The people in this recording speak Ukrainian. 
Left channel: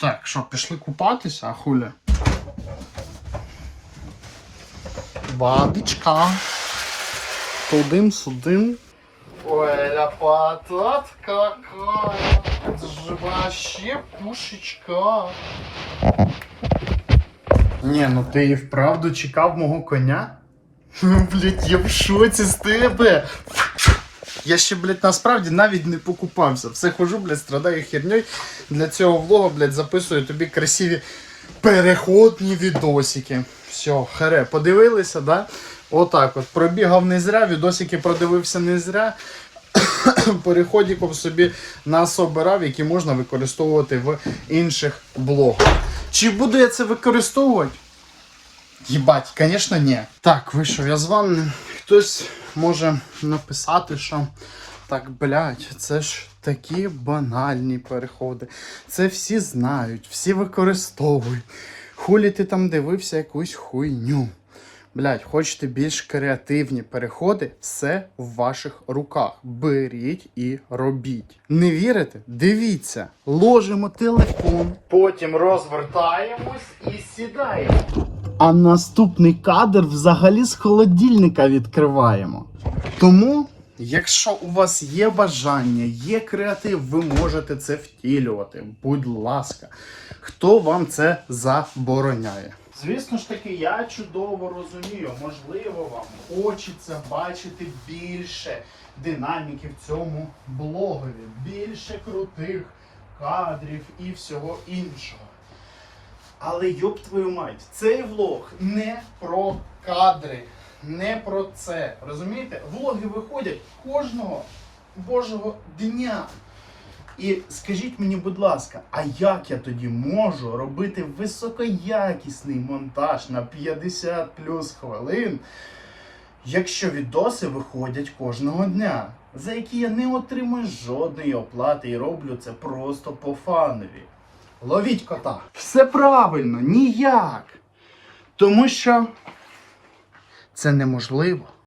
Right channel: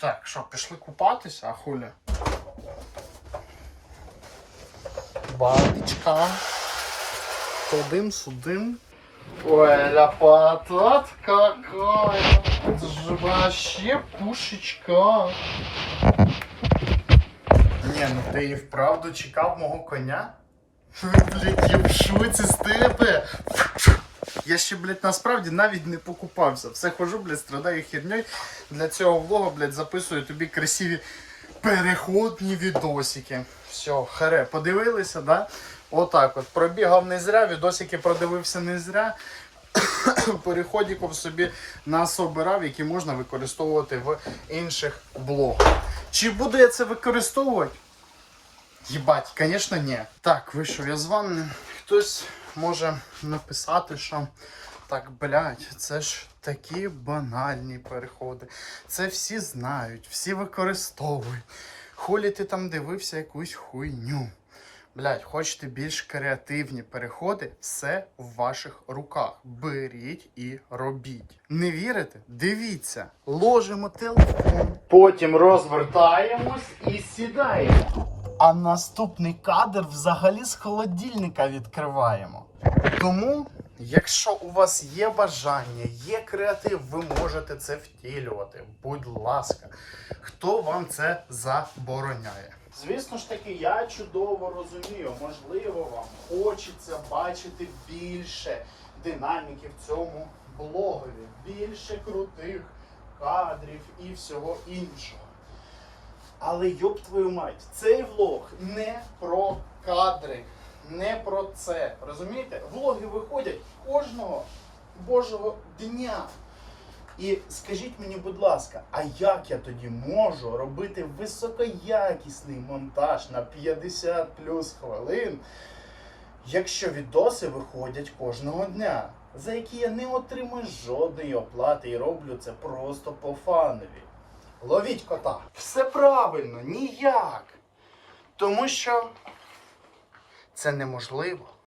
Так, що, пішли купатися, а хуля? Бабічка. Тудим, сюдим. Ой, ляпата какая. Это же вообще пушечка. Не, ну ти і вправду чекав мого коня? Блять, я в шоці з тебе. Я ще, блядь, насправді навіть не покупався. Все хожу, блядь, страдаю херньою. Для цього влога, блядь, записую тобі красиві переходні відосики. Все, харе, подивилися, да? Отак от. Пробігав не зря, відосики продивився не зря. Переходиком собі насобирав, які можна використовувати в інших блогах. Чи буду я це використовувати? Єбать, звісно, ні. Так, вийшов я з ванни. Хтось може написати, що так, блядь, це ж такі банальні переходи. Це всі знають, всі використовують. Хулі ти там дивився якусь хуйню. Блядь, хочете більш креативні переходи, все в ваших руках. Беріть і робіть. Не вірите? Дивіться, ложимо телефон, потім розвертаємось і сідаємо. А наступний кадр взагалі з холодильника відкриваємо. Тому, якщо у вас є бажання, є креатив, ви можете це втілювати. Будь ласка, хто вам це забороняє? Звісно ж таки, я чудово розумію, можливо, вам хочеться бачити більше динаміки в цьому блогові, більше крутих кадрів і всього іншого. Але йоб твою мать, цей влог не про кадри, не про це. Розумієте? Влоги виходять кожного божого дня. І скажіть мені, будь ласка, а як я тоді можу робити високоякісний монтаж на 50 плюс хвилин, якщо відоси виходять кожного дня, за які я не отримую жодної оплати і роблю це просто по фанові? Ловіть кота. Все правильно, ніяк. Тому що це неможливо.